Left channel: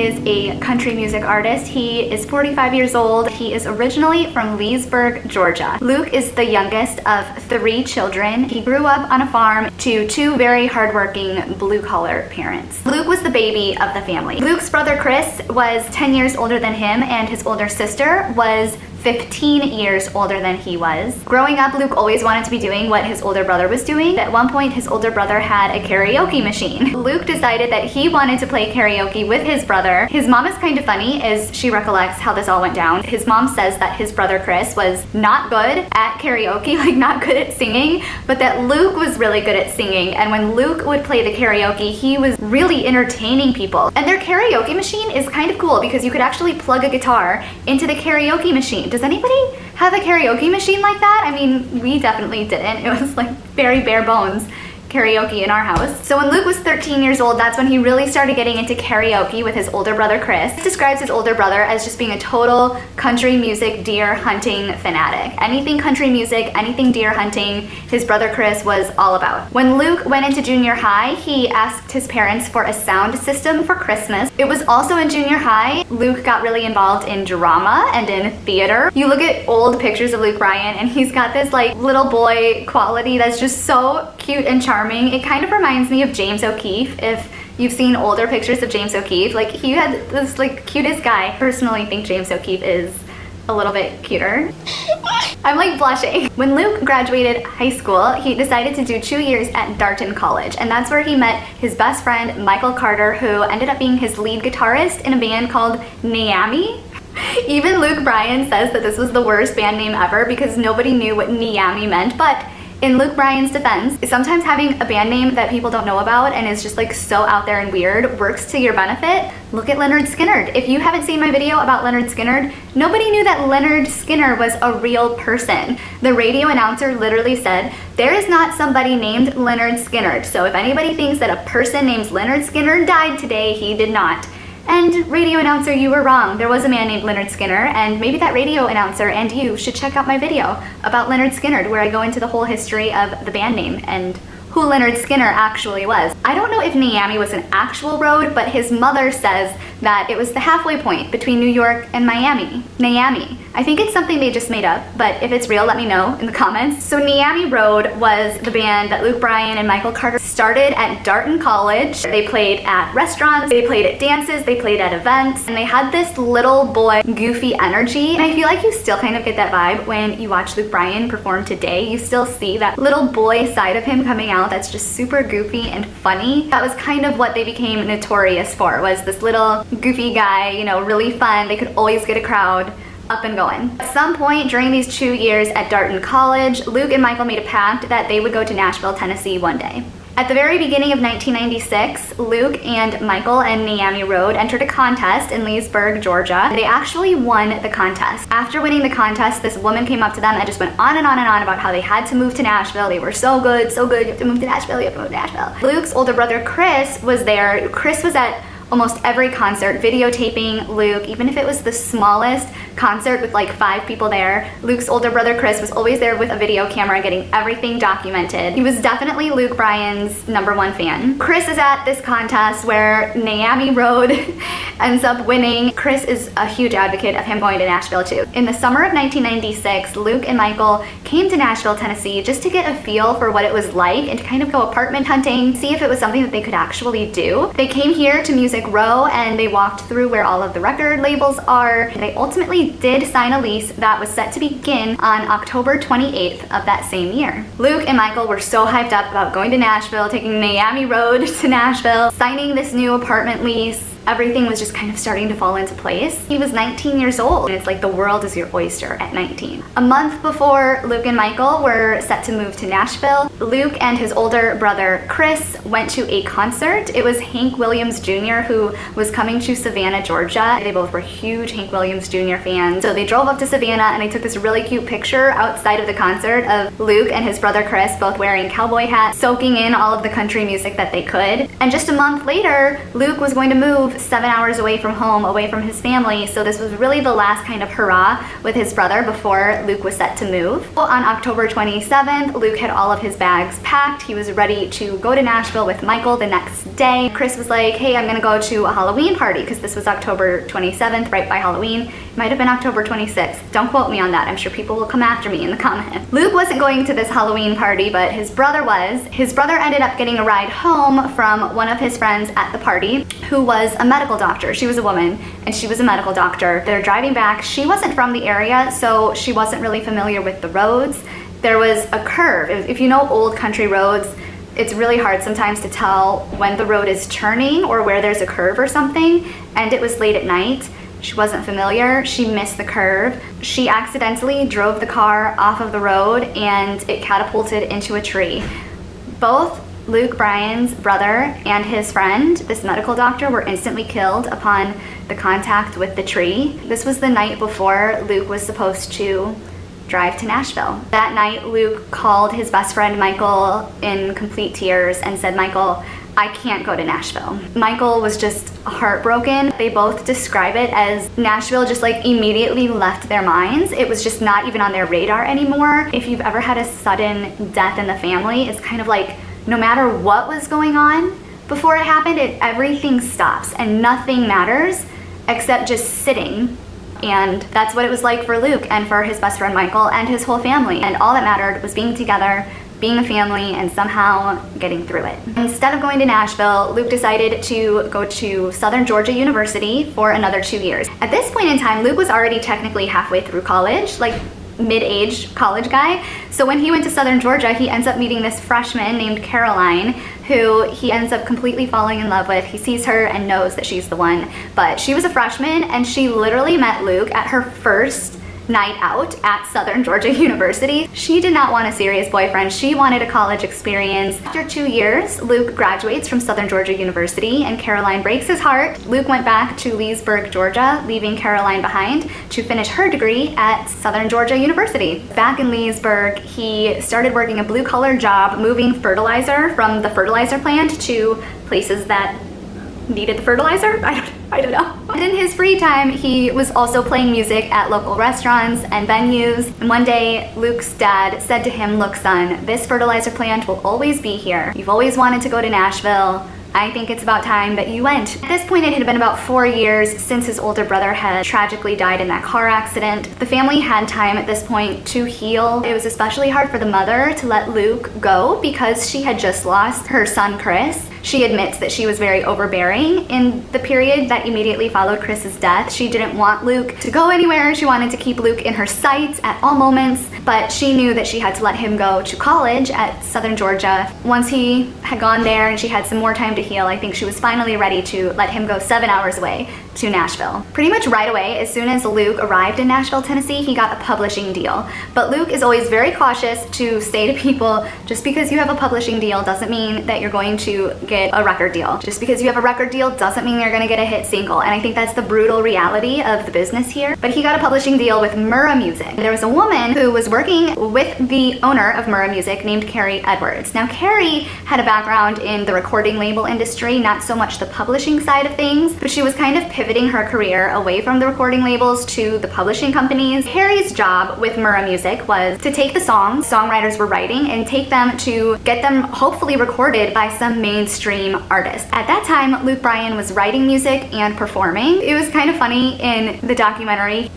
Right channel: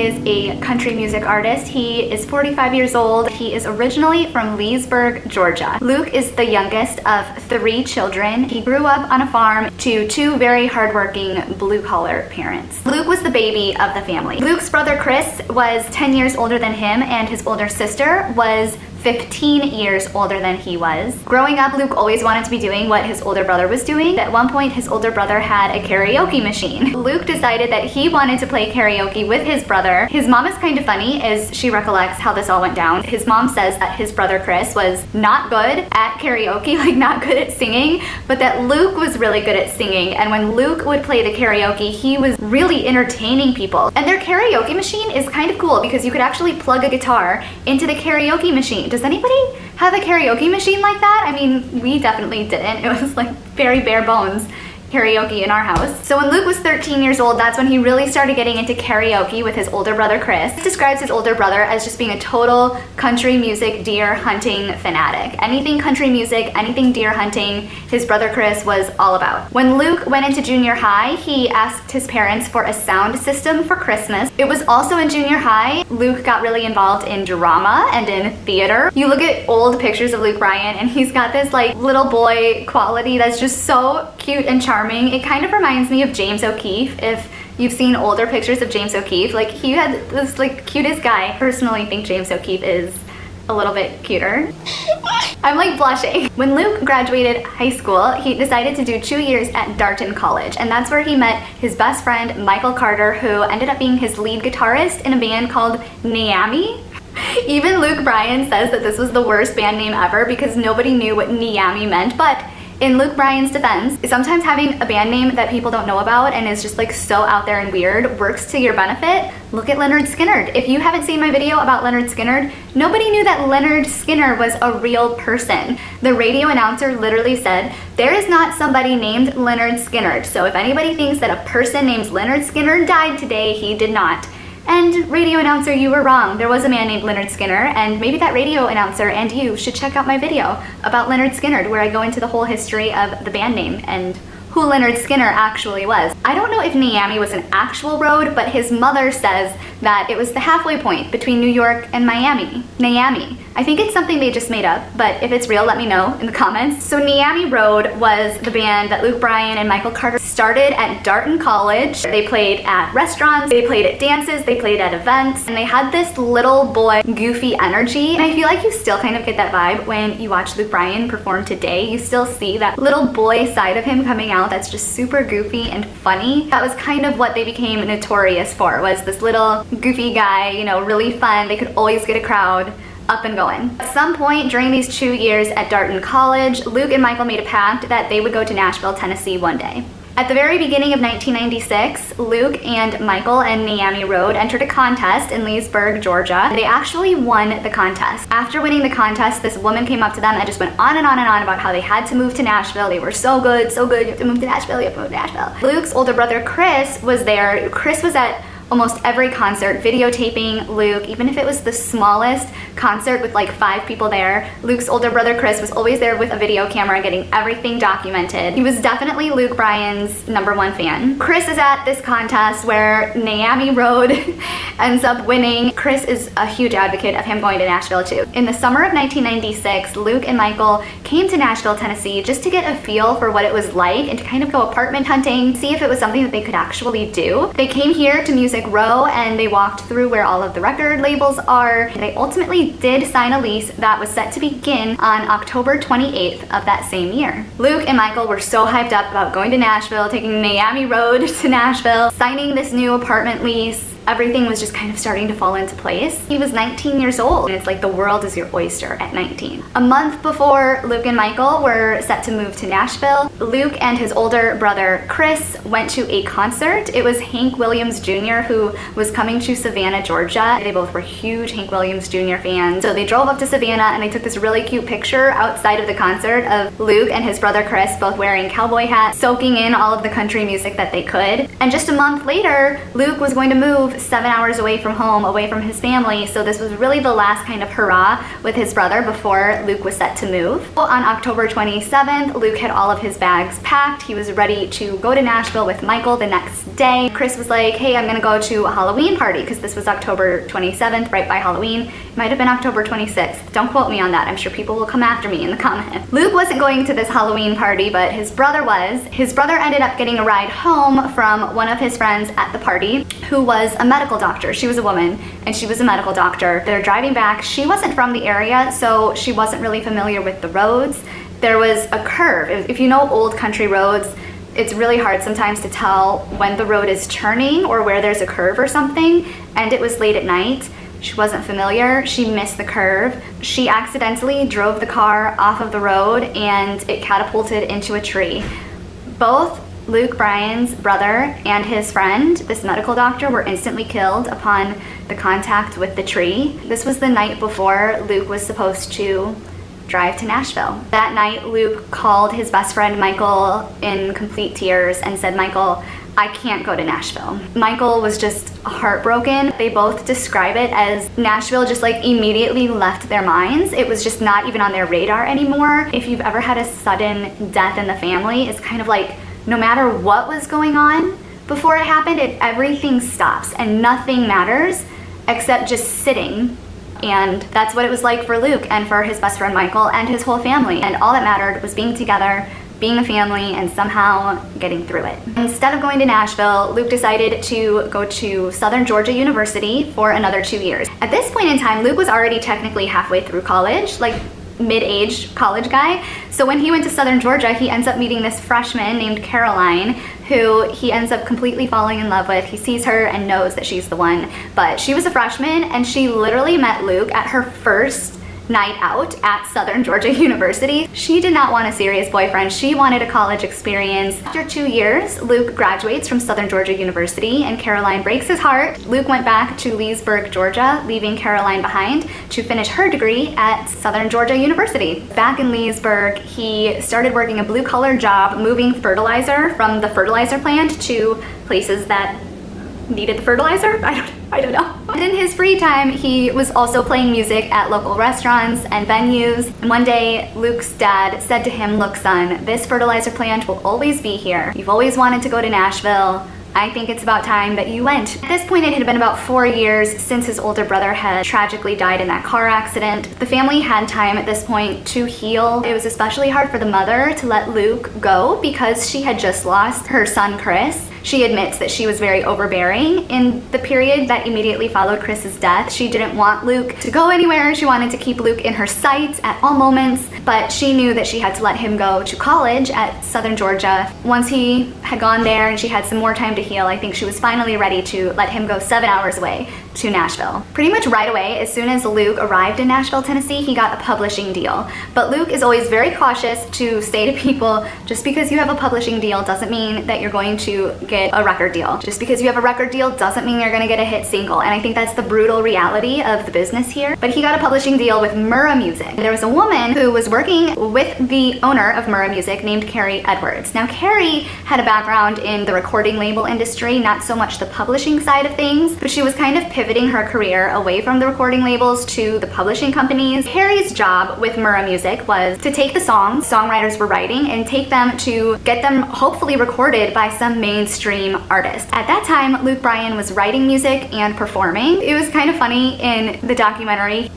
is a country music artist. He is 45 years old. He is originally from Leesburg, Georgia. Luke is the youngest of 3 children. He grew up on a farm to 2 very hardworking blue-collar parents. Luke was the baby of the family. Luke's brother Chris was 10 years older than him, and his older sister was 15 years older than he was. Growing up, Luke always wanted to be doing what his older brother was doing. At one point, his older brother had a karaoke machine. Luke decided that he wanted to play karaoke with his brother. His mom is kind of funny as she recollects how this all went down. His mom says that his brother Chris was not good at karaoke, like not good at singing, but that Luke was really good at singing. And when Luke would play the karaoke, he was really entertaining people. And their karaoke machine is kind of cool because you could actually plug a guitar into the karaoke machine. Does anybody have a karaoke machine like that? I mean, we definitely didn't. It was like very bare bones karaoke in our house. So when Luke was 13 years old, that's when he really started getting into karaoke with his older brother Chris. He describes his older brother as just being a total country music deer hunting fanatic. Anything country music, anything deer hunting, his brother Chris was all about. When Luke went into junior high, he asked his parents for a sound system for Christmas. It was also at junior high, Luke got really involved in drama and in theater. You look at old pictures of Luke Bryan and he's got this like little boy quality that's just so cute and charming. It kind of reminds me of James O'Keefe. If you've seen older pictures of James O'Keefe, like he had this like cutest guy. Personally think James O'Keefe is a little bit cuter. I'm like blushing. When Luke graduated high school, he decided to do 2 years at Darton College, and that's where he met his best friend Michael Carter, who ended up being his lead guitarist in a band called NEYAMI. Even Luke Bryan says that this was the worst band name ever because nobody knew what NEYAMI meant, but in Luke Bryan's defense, sometimes having a band name that people don't know about and is just like so out there and weird works to your benefit. Look at Lynyrd Skynyrd. If you haven't seen my video about Lynyrd Skynyrd, nobody knew that Lynyrd Skynyrd was a real person. The radio announcer literally said, "There is not somebody named Lynyrd Skynyrd, so if anybody thinks that a person named Lynyrd Skynyrd died today, he did not." And radio announcer, you were wrong. There was a man named Lynyrd Skynyrd, and maybe that radio announcer and you should check out my video about Lynyrd Skynyrd, where I go into the whole history of the band name and who Lynyrd Skynyrd actually was. I don't know if NEYAMI was an actual road, but his mother says that it was the halfway point between New York and Miami. NEYAMI. I think it's something they just made up, but if it's real, let me know in the comments. So NEYAMI Road was the band that Luke Bryan and Michael Carter started at Darton College. They played at restaurants, they played at dances, they played at events, and they had this little boy goofy energy. And I feel like you still kind of get that vibe when you watch Luke Bryan perform today. You still see that little boy side of him coming out that's just super goofy and funny. That was kind of what they became notorious for, was this little goofy guy, you know, really fun. They could always get a crowd up and going. At some point during these 2 years at Darton College, Luke and Michael made a pact that they would go to Nashville, Tennessee one day. At the very beginning of 1996, Luke and Michael and NEYAMI Road entered a contest in Leesburg, Georgia. They actually won the contest. After winning the contest, this woman came up to them and just went on and on and on about how they had to move to Nashville. They were so good, you have to move to Nashville, you have to move to Nashville. Luke's older brother Chris was there. Chris was at almost every concert, videotaping Luke, even if it was the smallest concert with like 5 people there. Luke's older brother Chris was always there with a video camera getting everything documented. He was definitely Luke Bryan's #1 fan. Chris is at this contest where NEYAMI Road ends up winning. Chris is a huge advocate of him going to Nashville too. In the summer of 1996, Luke and Michael came to Nashville, Tennessee just to get a feel for what it was like and to kind of go apartment hunting, see if it was something that they could actually do. They came here to Music Row and they walked through where all of the record labels are. They ultimately did sign a lease that was set to begin on October 28th of that same year. Luke and Michael were so hyped up about going to Nashville, taking NEYAMI Road to Nashville, signing this new apartment lease. Everything was just kind of starting to fall into place. He was 19 years old, and it's like the world is your oyster at 19. A month before Luke and Michael were set to move to Nashville, Luke and his older brother Chris went to a concert. It was Hank Williams Jr. who was coming to Savannah, Georgia. They both were huge Hank Williams Jr. fans. So they drove up to Savannah and they took this really cute picture outside of the concert of Luke and his brother Chris both wearing cowboy hats, soaking in all of the country music that they could. And just a month later, Luke was going to move move 7 hours away from home, away from his family, so this was really the last kind of hurrah with his brother before Luke was set to move. Well, on October 27th, Luke had all of his bags packed. He was ready to go to Nashville with Michael the next day. Chris was like, hey, I'm gonna go to a Halloween party, because this was October 27th, right by Halloween. It might have been October 26th. Don't quote me on that. I'm sure people will come after me in the comments. Luke wasn't going to this Halloween party, but his brother was. His brother ended up getting a ride home from one of his friends at the party, who was a medical doctor. She was a woman, and she was a medical doctor. They're driving back. She wasn't from the area, so she wasn't really familiar with the roads. There was a curve. If you know old country roads, it's really hard sometimes to tell when the road is turning or where there's a curve or something, and it was late at night. She wasn't familiar. She missed the curve. She accidentally drove the car off of the road, and it catapulted into a tree. Both Luke Bryan's brother and his friend, this medical doctor, were instantly killed upon the contact with the tree. This was the night before Luke was supposed to drive to Nashville. That night, Luke called his best friend Michael in complete tears and said, Michael, I can't go to Nashville. Michael was just heartbroken. They both describe it as Nashville just like immediately left their minds. It was just not even on their radar anymore. If you've ever had a sudden death in the family, it's kind of like no matter what was going on before it happened, everything stops and nothing matters except just sitting. And that's what it was like for Luke and for his best friend Michael and his whole family. And all that mattered was being together, being a family, and somehow getting through it. Instead of going to Nashville, Luke decided to go to Southern Georgia University for another 2 years. At this point in time, Luke was already technically halfway through college, like mid-aged college guy. So when he went to Southern Georgia, he ends up meeting this freshman named Caroline, who he ends up completely falling in love with. He sees her and knows that she's the one. But she was a freshman, and she literally met Luke at her first night out at Southern Georgia University. She did not want a serious boyfriend. She wanted a college experience. After 2 years, Luke graduates from Southern Georgia University, and Caroline breaks his heart. Luke went back to Leesburg, Georgia, leaving Caroline behind to finish her degree at Southern Georgia University. Back in Leesburg, he started working a blue-collar job moving fertilizer from the fertilizer plant to places that needed fertilizer? I don't know. And in his free time, he was also playing music at local restaurants and venues. And one day, Luke's dad said to him, look, son, this fertilizer plant will always be here. You've always wanted to go to Nashville. I think it's about time that you went. At this point, it had been about 4 years since his older brother had tragically died in that car accident. The family had time at this point to heal. It was especially hard for the mother to let Luke go because she had just lost her son, Chris. She admits that she was very overbearing in the period that immediately followed Chris's death. She didn't want Luke to go anywhere. She wanted to keep Luke in her sights at all moments, but she knew that she had to let him go to college at Southern Georgia. Once he had gone there and she had some more time to heal, I think she was finally ready to let him go 7 hours away to Nashville. Pretty much right away, as soon as Luke arrived in Nashville, Tennessee, he got a publishing deal. But Luke is always very cautious to say to people, just because you have a publishing deal doesn't mean that you're going to get a record deal. Just because you have a record deal doesn't mean you're going to get a hit single. And I think that's the brutal reality of the business here. But he got a publishing deal with Murrah Music. There was a woman who was working with the owner of Murrah Music named Carrie Edwards. Now, Carrie had a background in the recording label industry, not so much the publishing side of things, but she was kind of pivoting her career away from the recording labels to the publishing companies. Carrie's job with Murrah Music was to take the songs songwriters were writing and take them to get them hopefully recorded by some mainstream artist. At that time, Luke Bryan was writing music and performing. It was kind of funny in the documentary.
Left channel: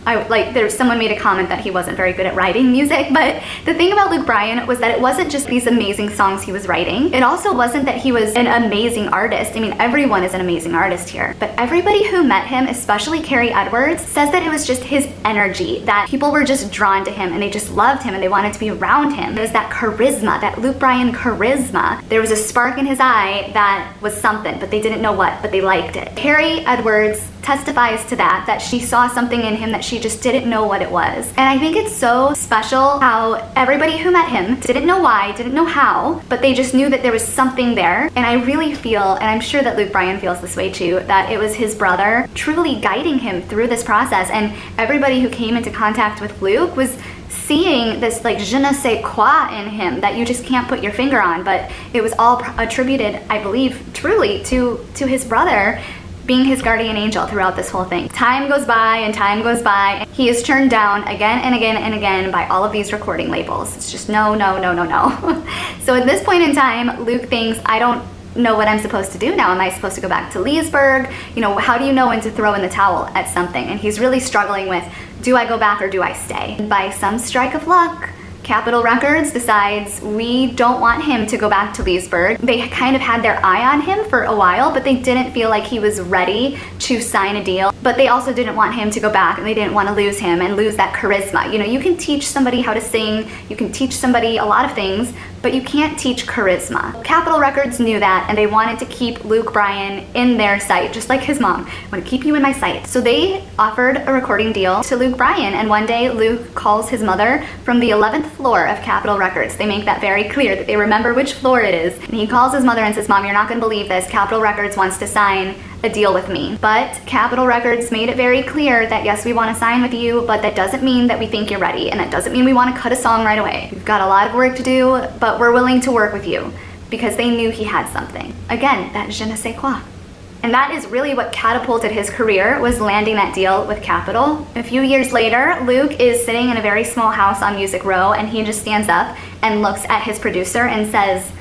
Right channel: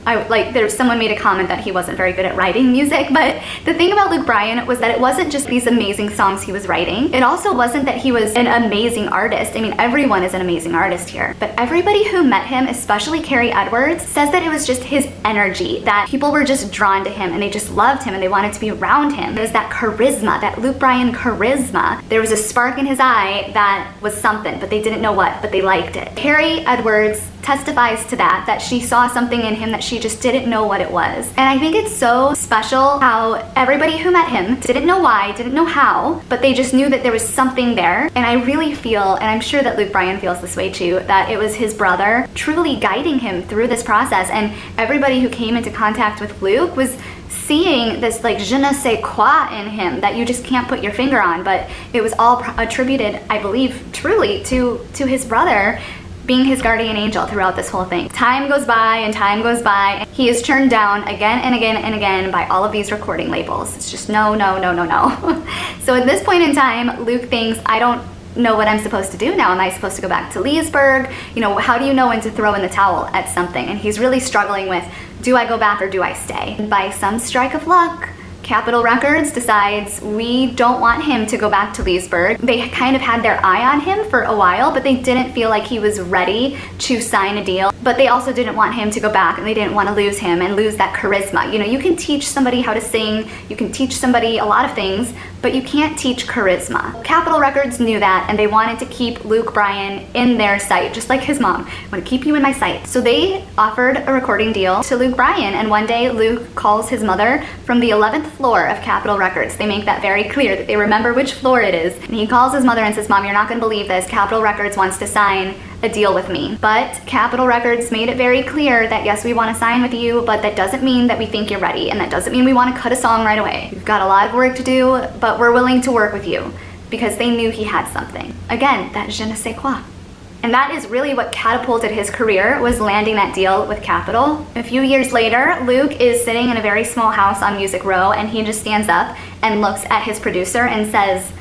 Someone made a comment that he wasn't very good at writing music, but the thing about Luke Bryan was that it wasn't just these amazing songs he was writing. It also wasn't that he was an amazing artist. I mean, everyone is an amazing artist here, but everybody who met him, especially Carrie Edwards, says that it was just his energy, that people were just drawn to him and they just loved him and they wanted to be around him. There's that charisma, that Luke Bryan charisma. There was a spark in his eye that was something, but they didn't know what, but they liked it. Carrie Edwards testifies to that she saw something in him that she just didn't know what it was. And I think it's so special how everybody who met him didn't know why, didn't know how, but they just knew that there was something there. And I really feel, and I'm sure that Luke Bryan feels this way too, that it was his brother truly guiding him through this process. And everybody who came into contact with Luke was seeing this like je ne sais quoi in him that you just can't put your finger on, but it was all attributed, I believe, truly to his brother being his guardian angel throughout this whole thing. Time goes by and time goes by. He is turned down again and again and again by all of these recording labels. It's just no, no, no, no, no. So at this point in time, Luke thinks, I don't know what I'm supposed to do now. Am I supposed to go back to Leesburg? You know, how do you know when to throw in the towel at something? And he's really struggling with, do I go back or do I stay? And by some strike of luck, Capitol Records decides we don't want him to go back to Leesburg. They kind of had their eye on him for a while, but they didn't feel like he was ready to sign a deal. But they also didn't want him to go back, and they didn't want to lose him and lose that charisma. You know, you can teach somebody how to sing, you can teach somebody a lot of things, but you can't teach charisma. Capitol Records knew that, and they wanted to keep Luke Bryan in their sight, just like his mom. I want to keep you in my sight. So they offered a recording deal to Luke Bryan, and one day Luke calls his mother from the 11th floor of Capitol Records. They make that very clear, that they remember which floor it is. And he calls his mother and says, Mom, you're not going to believe this. Capitol Records wants to sign a deal with me. But Capitol Records made it very clear that yes, we want to sign with you, but that doesn't mean that we think you're ready. And that doesn't mean we want to cut a song right away. We've got a lot of work to do, but we're willing to work with you, because they knew he had something. Again, that je ne sais quoi. And that is really what catapulted his career, was landing that deal with Capitol. A few years later, Luke is sitting in a very small house on Music Row, and he just stands up and looks at his producer and says,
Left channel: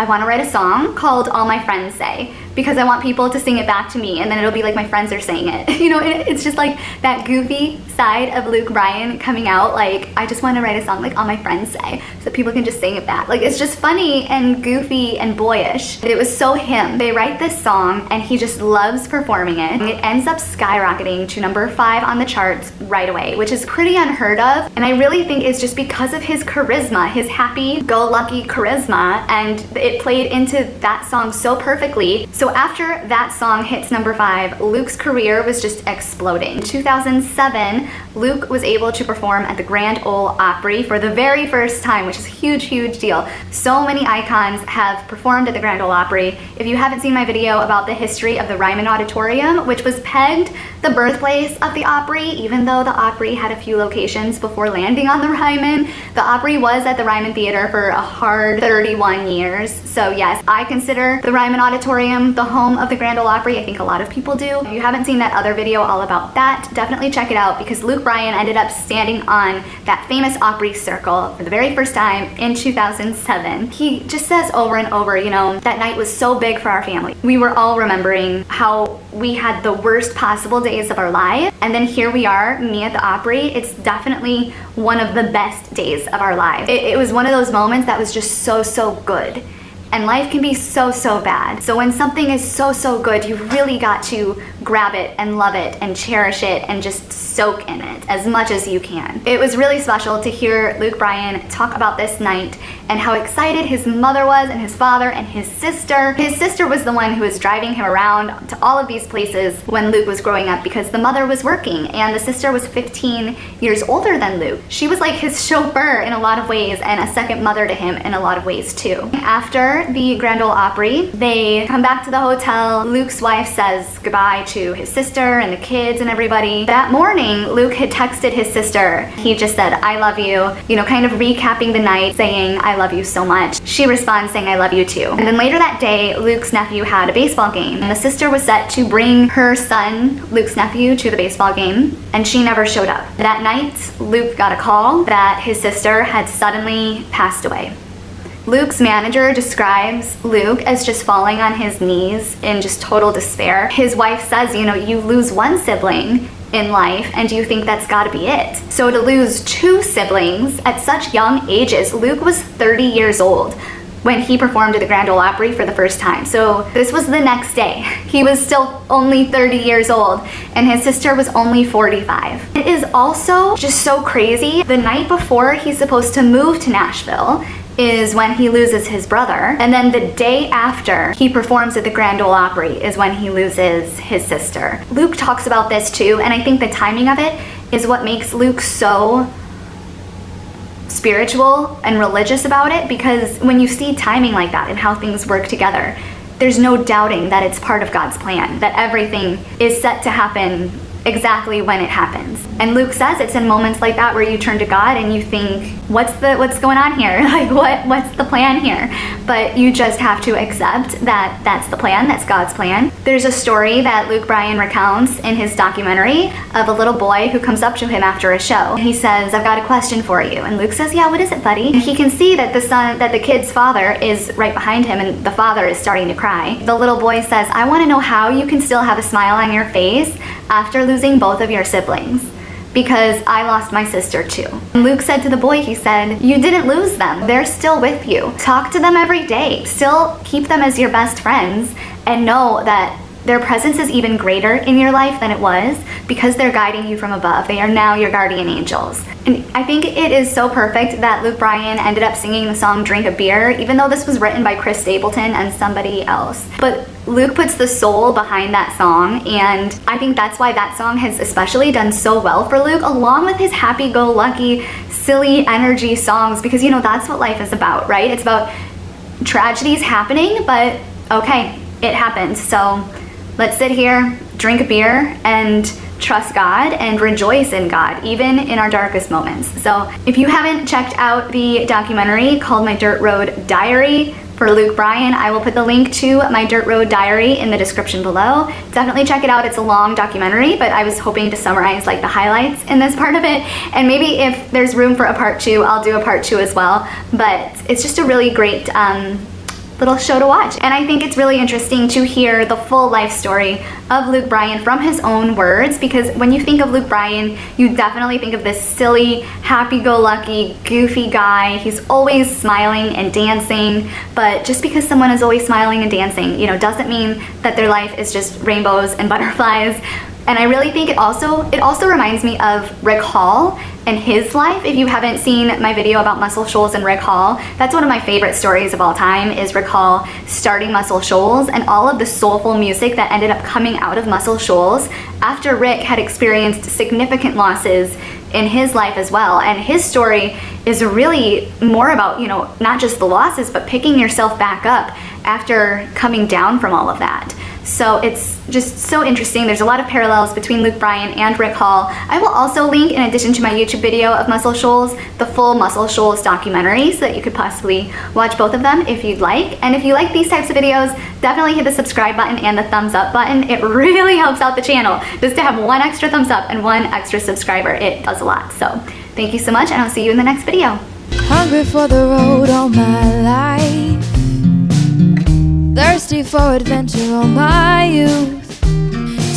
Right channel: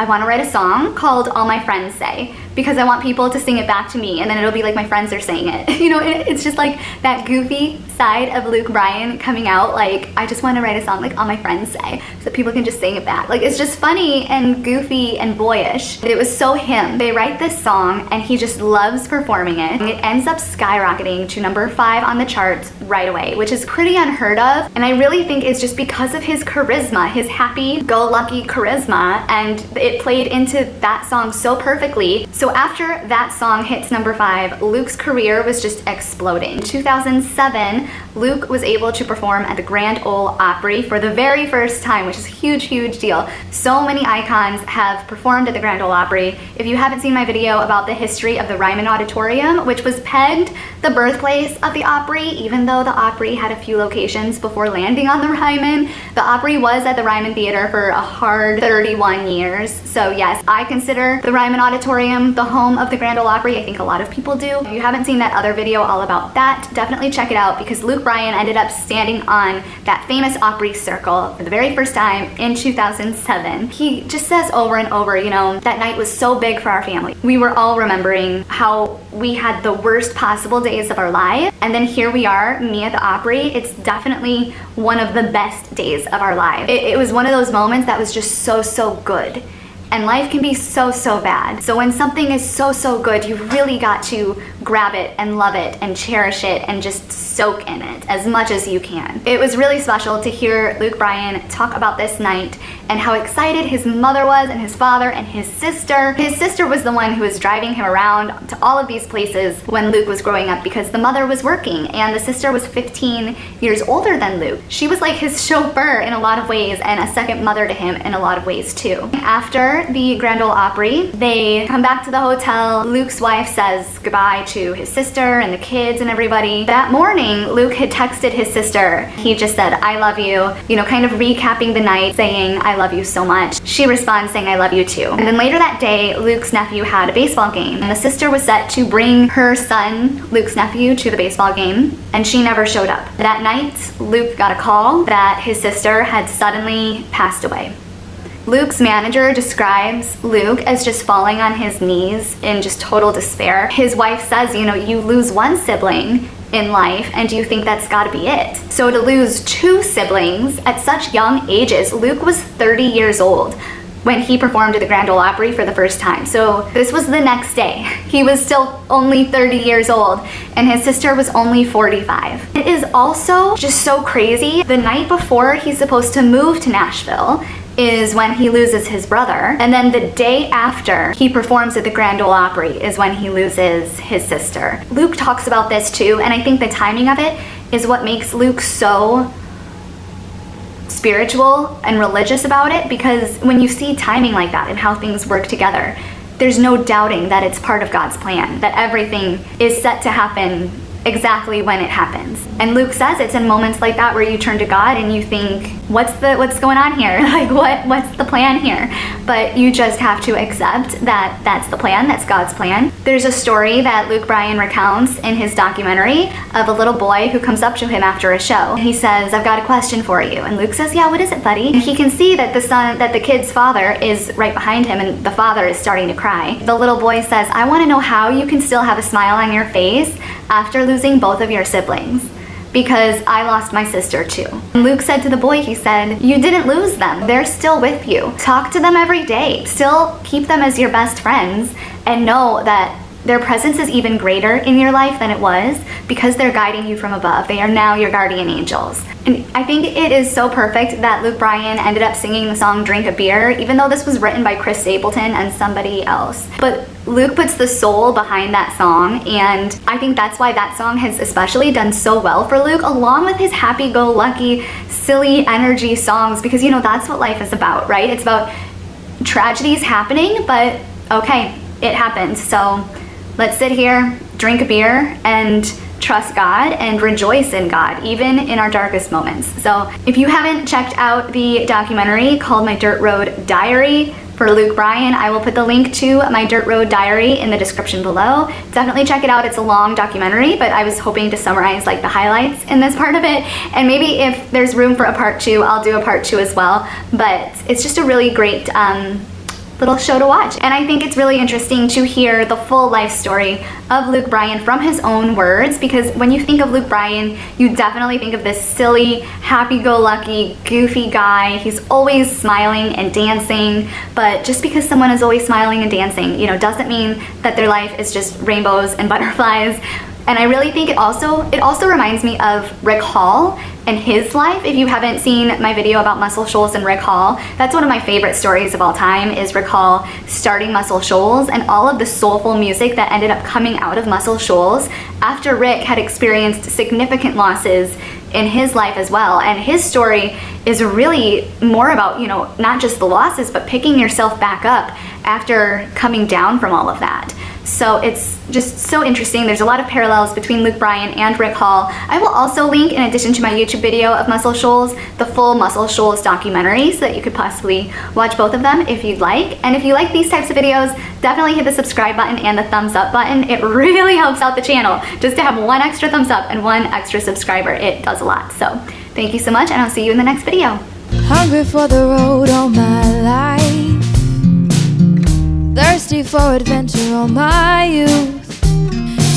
I want to write a song called All My Friends Say, because I want people to sing it back to me, and then it'll be like my friends are saying it. You know, it's just like that goofy side of Luke Bryan coming out, like, I just want to write a song like All My Friends Say, so people can just sing it back. Like, it's just funny and goofy and boyish. It was so him. They write this song, and he just loves performing it. It ends up skyrocketing to number 5 on the charts right away, which is pretty unheard of, and I really think it's just because of his charisma, his happy-go-lucky charisma, and it played into that song so perfectly. So after that song hits number 5, Luke's career was just exploding. In 2007, Luke was able to perform at the Grand Ole Opry for the very first time, which is a huge, huge deal. So many icons have performed at the Grand Ole Opry. If you haven't seen my video about the history of the Ryman Auditorium, which was pegged the birthplace of the Opry, even though the Opry had a few locations before landing on the Ryman, the Opry was at the Ryman Theater for a hard 31 years. So yes, I consider the Ryman Auditorium the home of the Grand Ole Opry. I think a lot of people do. If you haven't seen that other video all about that, definitely check it out, because Luke Bryan ended up standing on that famous Opry circle for the very first time in 2007. He just says over and over, you know, that night was so big for our family. We were all remembering how we had the worst possible days of our life, and then here we are, me at the Opry. It's definitely one of the best days of our lives. It was one of those moments that was just so, so good. And life can be so, so bad. So when something is so, so good, you really got to grab it and love it and cherish it and just soak in it as much as you can. It was really special to hear Luke Bryan talk about this night and how excited his mother was, and his father, and his sister. His sister was the one who was driving him around to all of these places when Luke was growing up, because the mother was working and the sister was 15 years older than Luke. She was like his chauffeur in a lot of ways, and a second mother to him in a lot of ways too. After the Grand Ole Opry, they come back to the hotel. Luke's wife says goodbye to his sister and the kids and everybody. That morning, Luke had texted his sister. He just said, I love you know, kind of recapping the night, saying, I love you so much. She responds saying, I love you too. And then later that day, Luke's nephew had a baseball game, and the sister was set to bring her son, Luke's nephew, to the baseball game, and she never showed up. That night, Luke got a call that his sister had suddenly passed away. Luke's manager describes Luke as just falling on his knees in just total despair. His wife says, you know, you lose one sibling in life, and you think that's gotta be it. So to lose 2 siblings at such young ages, Luke was 30 years old when he performed at the Grand Ole Opry for the first time. So this was the next day. He was still only 30 years old, and his sister was only 45. It is also just so crazy. The night before he's supposed to move to Nashville is when he loses his brother, and then the day after he performs at the Grand Ole Opry is when he loses his sister. Luke talks about this too, and I think the timing of it is what makes Luke so spiritual and religious about it, because when you see timing like that and how things work together, there's no doubting that it's part of God's plan, that everything is set to happen exactly when it happens. And Luke says it's in moments like that where you turn to God and you think, what's going on here? Like, what's the plan here? But you just have to accept that that's the plan, that's God's plan. There's a story that Luke Bryan recounts in his documentary of a little boy who comes up to him after a show. And he says, I've got a question for you. And Luke says, yeah, what is it, buddy? And he can see that the kid's father is right behind him, and the father is starting to cry. The little boy says, I want to know how you can still have a smile on your face after losing both of your siblings, because I lost my sister too. And Luke said to the boy, he said, you didn't lose them. They're still with you. Talk to them every day. Still keep them as your best friends, and know that their presence is even greater in your life than it was, because they're guiding you from above. They are now your guardian angels. And I think it is so perfect that Luke Bryan ended up singing the song Drink a Beer, even though this was written by Chris Stapleton and somebody else. But Luke puts the soul behind that song, and I think that's why that song has especially done so well for Luke, along with his happy-go-lucky, silly energy songs, because, you know, that's what life is about, right? It's about tragedies happening, but okay, it happened. So let's sit here, drink a beer, and trust God and rejoice in God, even in our darkest moments. So if you haven't checked out the documentary called My Dirt Road Diary for Luke Bryan, I will put the link to My Dirt Road Diary in the description below. Definitely check it out. It's a long documentary, but I was hoping to summarize like the highlights in this part of it. And maybe if there's room for a part 2, I'll do a part 2 as well. But it's just a really great little show to watch. And I think it's really interesting to hear the full life story of Luke Bryan from his own words, because when you think of Luke Bryan, you definitely think of this silly, happy-go-lucky, goofy guy. He's always smiling and dancing, but just because someone is always smiling and dancing, you know, doesn't mean that their life is just rainbows and butterflies. And I really think it also reminds me of Rick Hall and his life. If you haven't seen my video about Muscle Shoals and Rick Hall, that's one of my favorite stories of all time, is Rick Hall starting Muscle Shoals and all of the soulful music that ended up coming out of Muscle Shoals after Rick had experienced significant losses in his life as well. And his story is really more about, you know, not just the losses, but picking yourself back up after coming down from all of that. So it's just so interesting. There's a lot of parallels between Luke Bryan and Rick Hall. I will also link, in addition to my YouTube video of Muscle Shoals, the full Muscle Shoals documentary, so that you could possibly watch both of them if you'd like. And if you like these types of videos, definitely hit the subscribe button and the thumbs up button. It really helps out the channel. Just to have one extra thumbs up and one extra subscriber, it does a lot. So thank you so much, and I'll see you in the next video. Hungry for the road all my life, thirsty for adventure all my youth,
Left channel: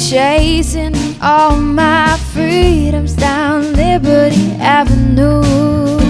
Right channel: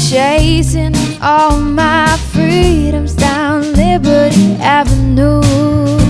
chasing all my freedoms down Liberty Avenue.